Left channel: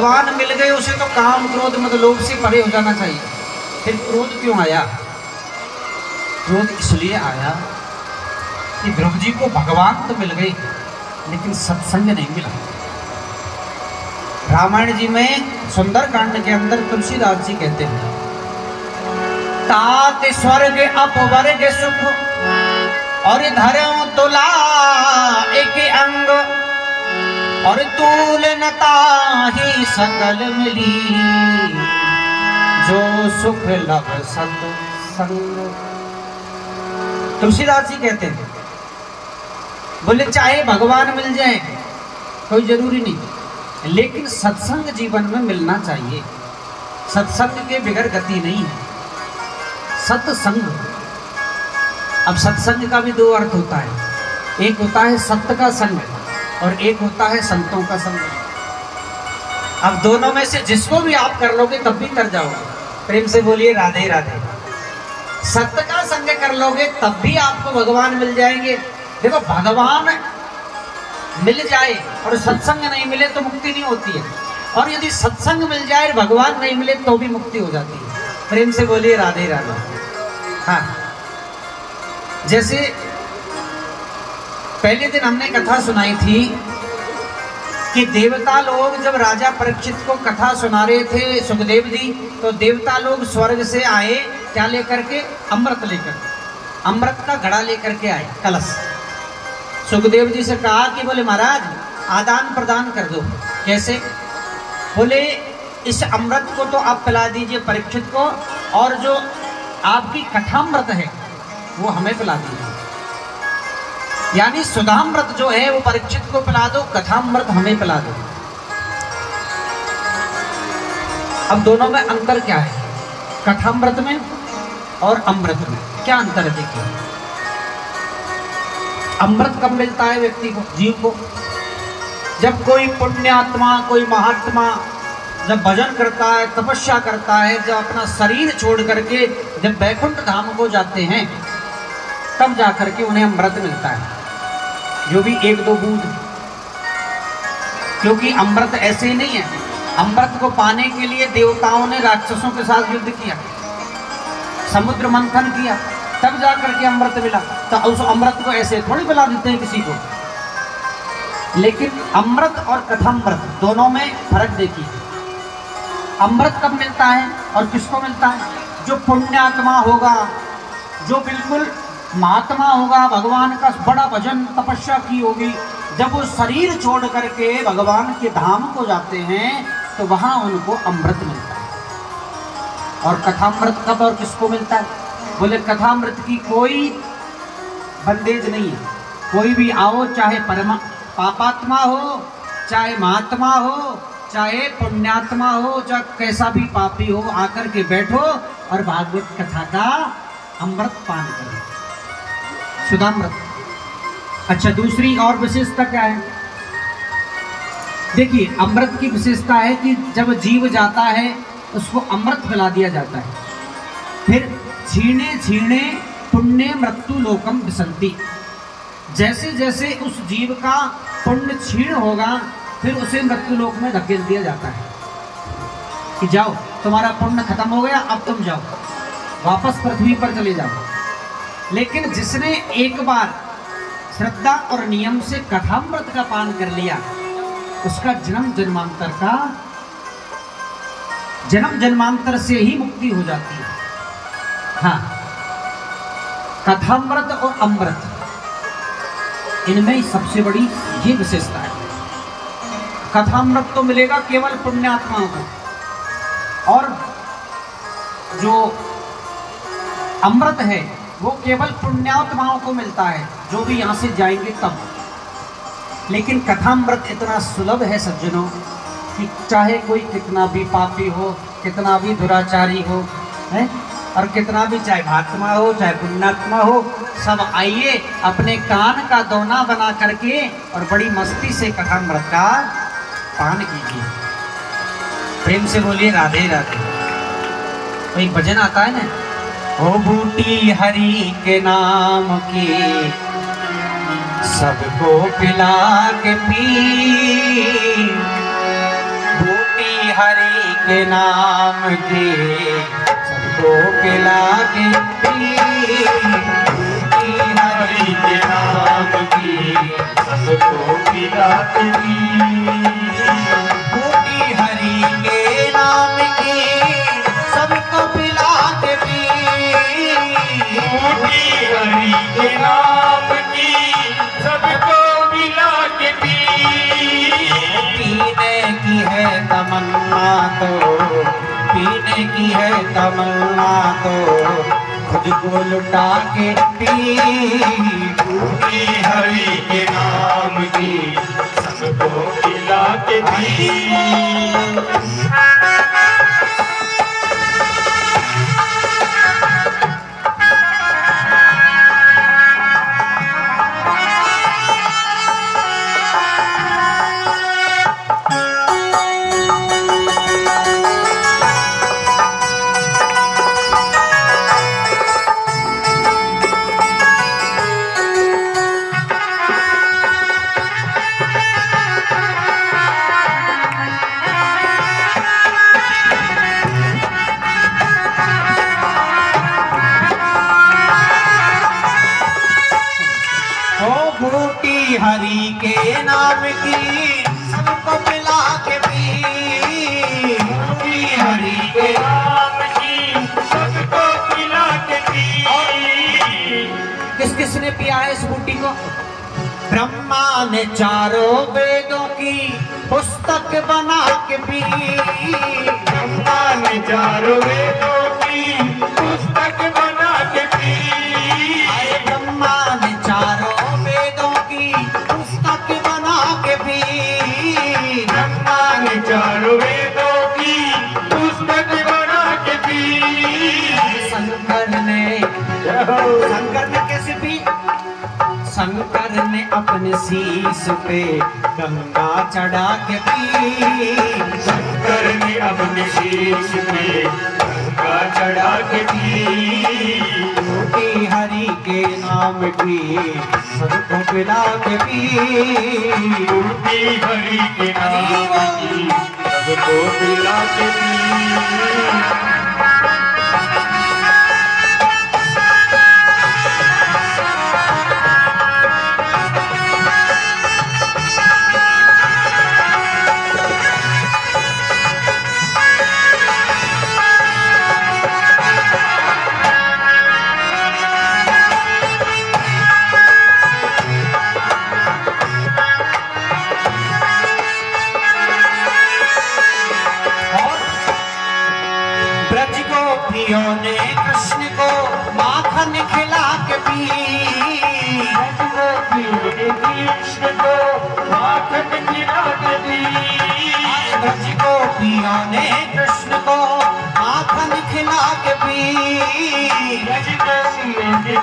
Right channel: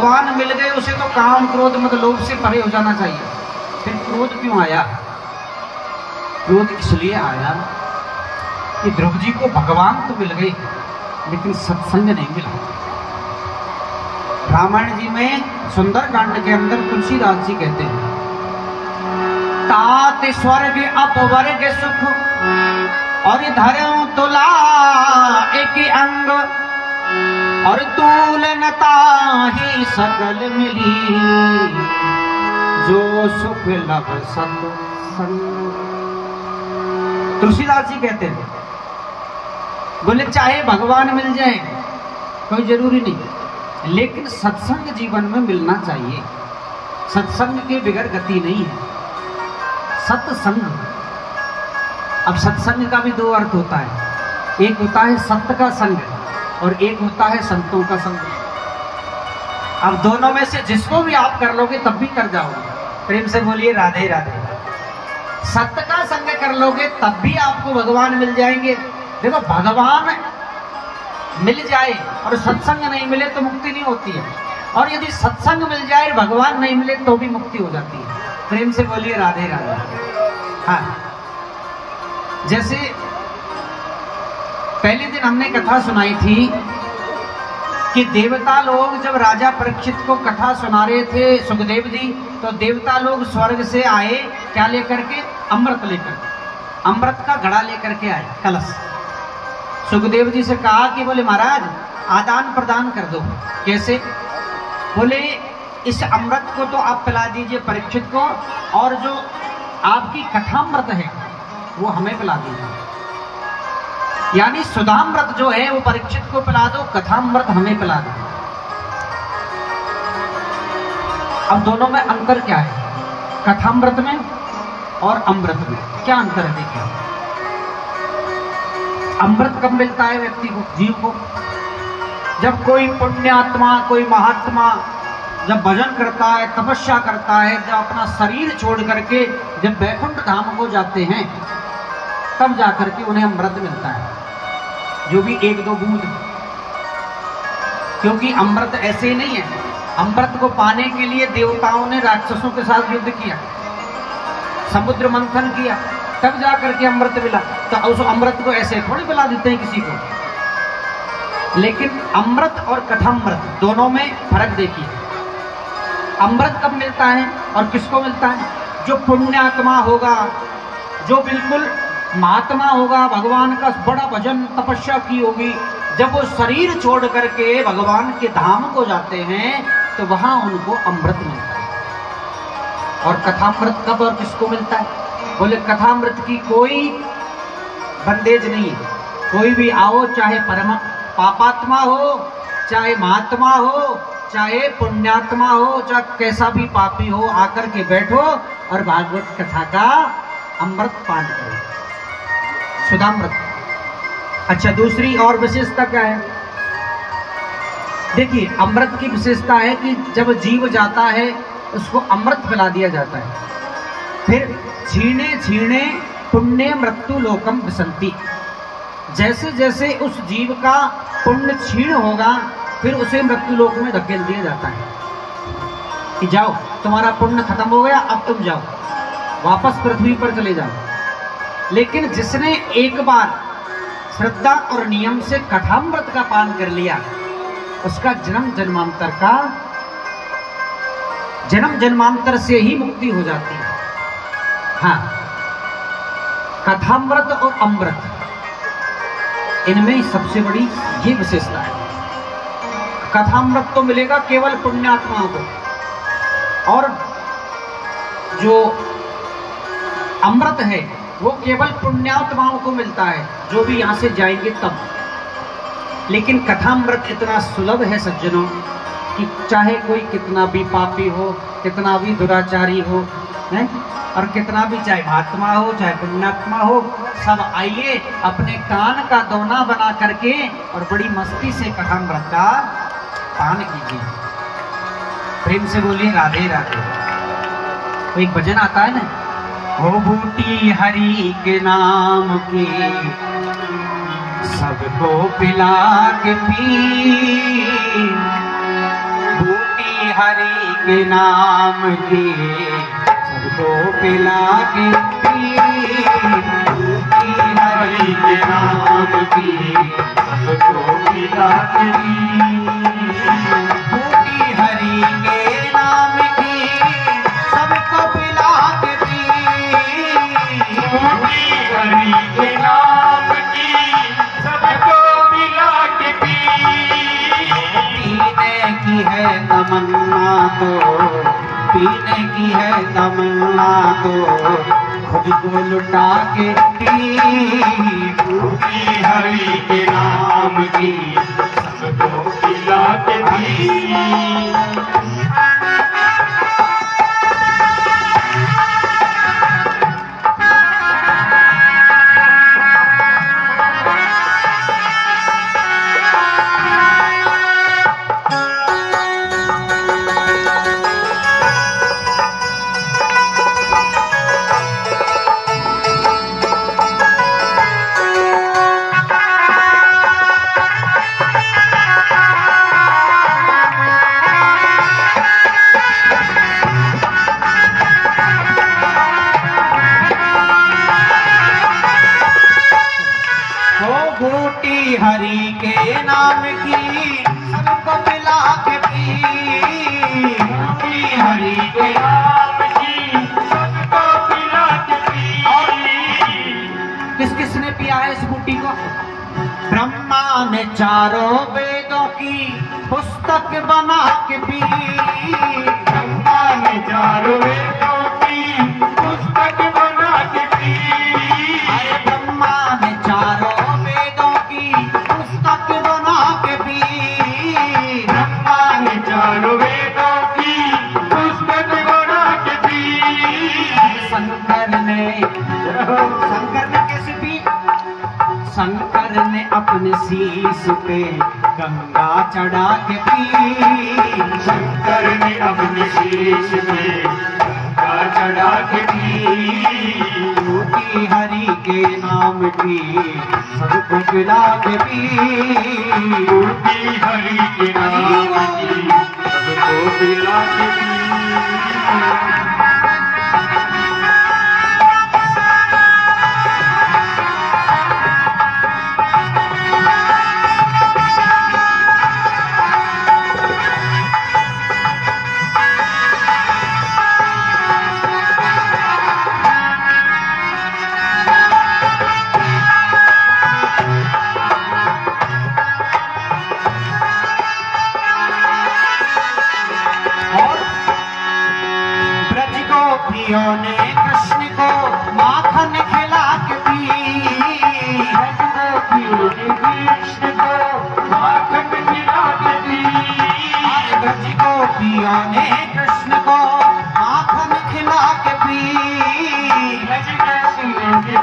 भगवान मिल गए उसे तो काम क्रोध मत लोभ से परे हो जाना चाहिए। फिर क्रोध क्यों आया? क्रोध इसलिए आया कि ध्रुव जी को भगवान तो मिल गए लेकिन सत्संग नहीं मिला। रामायण जी में सुंदरकांड के अंदर तुलसीदास जी कहते हैं, तात स्वर्ग अपवर्ग सुख और धर्म तुला एक अंग और तुलनता ही सकल मिली जो सुख लभ सत्संग। तुलसीदास जी कहते हैं, बोले चाहे भगवान मिल जाए कोई जरूरी नहीं, लेकिन सत्संग जीवन में मिलना चाहिए। सत्संग के बिगड़ गति नहीं है। सत्संग, अब सत्संग का भी दो अर्थ होता है, एक होता है सत्य का संग और एक होता है संतों का संग। अब दोनों में से जिसको भी आप कर लोगे तब भी कर जाओगे। प्रेम से बोलिए राधे राधे। सत्य का संग कर लोगे तब भी आपको भगवान मिल जाएंगे। देखो, भगवान मिल जाए और सत्संग नहीं मिले तो मुक्ति नहीं होती है, और यदि सत्संग मिल जाए भगवान नहीं मिले तो भी मुक्ति हो जाती है। प्रेम से बोलिए राधे राधे। हाँ, जैसे पहले दिन हमने कथा सुनाई थी कि देवता लोग जब राजा परीक्षित को कथा सुना रहे थे सुखदेव जी, तो देवता लोग स्वर्ग से आए, क्या लेकर के? अमृत लेकर, अमृत का घड़ा लेकर के आए, कलश। सुखदेव जी से कहा कि बोले महाराज आदान प्रदान कर दो। कैसे? बोले इस अमृत को तो आप पिला दीजिए परीक्षित को, और जो आपकी कथामृत है वो हमें पिला दीजिए। यानी सुधामृत जो है वो परीक्षित को पिला दो, कथामृत हमें पिला दो। अब दोनों में अंतर क्या है? कथामृत में और अमृत में क्या अंतर है? देखिए, अमृत कब मिलता है व्यक्ति को, जीव को? जब कोई पुण्यात्मा, कोई महात्मा जब भजन करता है, तपस्या करता है, जब अपना शरीर छोड़ करके जब वैकुंठ धाम को जाते हैं, तब जाकर के उन्हें अमृत मिलता है, जो भी एक दो बूंद। क्योंकि अमृत ऐसे ही नहीं है। अमृत को पाने के लिए देवताओं ने राक्षसों के साथ युद्ध किया, समुद्र मंथन किया, तब जाकर के अमृत मिला। तो उस अमृत को ऐसे थोड़ी पिला देते हैं किसी को। लेकिन अमृत और कथामृत दोनों में फर्क देखिए। अमृत कब मिलता है और किसको मिलता है? जो पुण्यात्मा होगा, जो बिल्कुल महात्मा होगा, भगवान का बड़ा भजन तपस्या की होगी, जब वो शरीर छोड़ करके भगवान के धाम को जाते हैं तो वहां उनको अमृत मिलता है। और कथामृत कब और किसको मिलता है? बोले कथामृत की कोई बंदेज नहीं है। कोई भी आओ, चाहे पापात्मा हो, चाहे महात्मा हो, चाहे पुण्यात्मा हो, चाहे कैसा भी पापी हो, आकर के बैठो और भागवत कथा का अमृत पान करो, सुधामृत। अच्छा, दूसरी और विशेषता क्या है? देखिए, अमृत की विशेषता है कि जब जीव जाता है उसको अमृत पिला दिया जाता है। फिर छीणे छीणे पुण्य मृत्यु लोकम विसंति। जैसे जैसे उस जीव का पुण्य क्षीण होगा फिर उसे मृत्यु लोक में धकेल दिया जाता है कि जाओ, तुम्हारा पुण्य खत्म हो गया, अब तुम जाओ, वापस पृथ्वी पर चले जाओ। लेकिन जिसने एक बार श्रद्धा और नियम से कथामृत का पान कर लिया, उसका जन्म जन्मांतर से ही मुक्ति हो जाती है। हाँ, कथामृत और अमृत, इनमें सबसे बड़ी ये विशेषता है। कथामृत तो मिलेगा केवल पुण्यात्माओं को, और जो अमृत है वो केवल पुण्यात्माओं को मिलता है, जो भी यहाँ से जाएंगे तब। लेकिन कथामृत इतना सुलभ है सज्जनों कि चाहे कोई कितना भी पापी हो, कितना भी दुराचारी हो, है? और कितना भी चाहे महात्मा हो चाहे पुण्यात्मा हो, सब आइए अपने कान का दोना बना करके और बड़ी मस्ती से कथामृत का पान कीजिए। प्रेम से बोलिए राधे राधे। तो एक भजन आता है ना, वो बूटी हरि के नाम की सबको पिला के पी, बूटी हरि के नाम की सबको पिला के पी, बूटी हरि के नाम की सबको पिला के पी, बूटी हरि के नाम की सबको पिला के पी, बूटी हरि के नाम की सबको पिला के पी, पीने की है तमन्ना तो, पीने की है तमन्ना तो खुद को लुटा के पी, बूटी हरि के नाम की सबको पिला के पी। बूटी हरि के नाम की सबको पिला के पी, बूटी हरि के नाम की सबको पिला के पी। किस किसने पिया है इस बूटी को? ब्रह्मा ने चारों वेदों की पुस्तक बना के पी, ब्रह्मा ने चारों वेदों की पुस्तक बना के पी, ब्रह्मा ने चारों वेदों की पुस्तक बना के पी। शंकर ने कैसे पी? शंकर ने अपने शीश पे गंगा चढ़ा के पी, शंकर ने अपने शीश पे गंगा चढ़ा के पी, बूटी हरि के नाम की सबको पिला के पी, बूटी हरि के नाम की सबको पिला के पी। ने कृष्ण को माखन खिला के पी, कृष्ण को माखन खिला के पी, ब्रज गोपियों ने कृष्ण को माखन खिला के पी,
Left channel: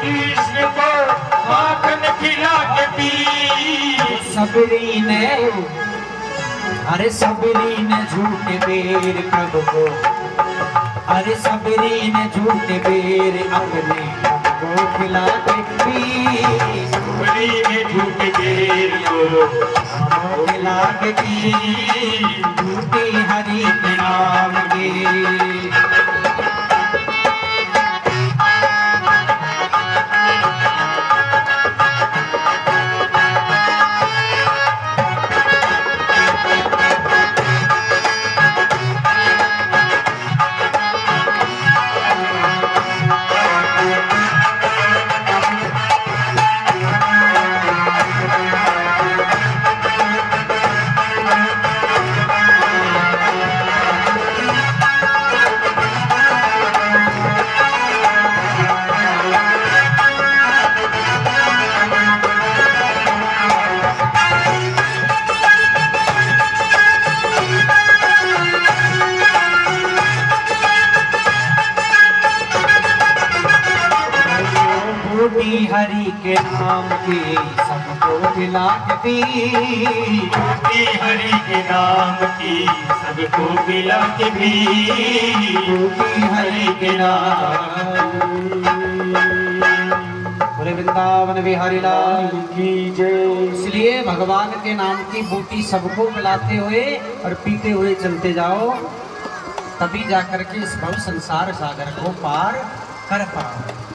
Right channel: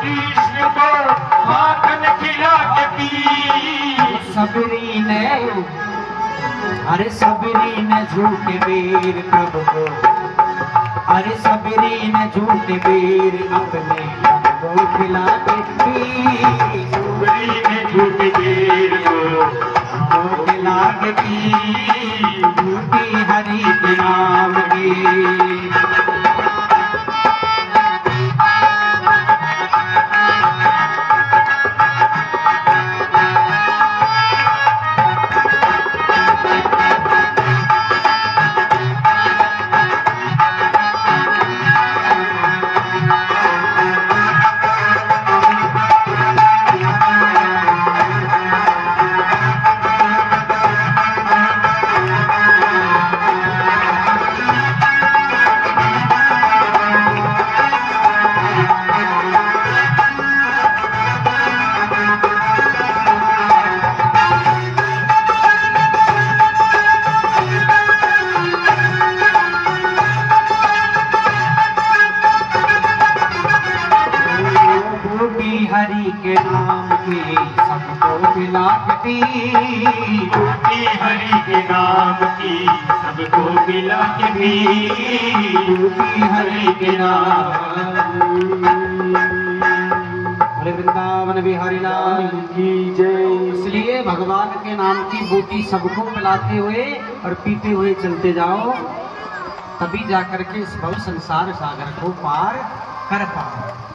कृष्ण को माखन खिला के पी। सबरी ने, अरे सबरी ने झूठे बेर प्रभु को, अरे सबरी ने झूठे बेर अपने को खिला के पी, सबरी ने झूठे बेर को खिला के पी, बूटी हरि के नाम की। बूटी हरि के नाम की सबको पिला के पी, बूटी हरि के नाम की सबको पिला के पी, बूटी हरि के नाम। बोले वृंदावन बिहारी लाल की जय। इसलिए भगवान भगवान के नाम की बूटी सबको पिलाते हुए और पीते हुए चलते जाओ, तभी जाकर के इस भव संसार सागर को पार कर पाओ।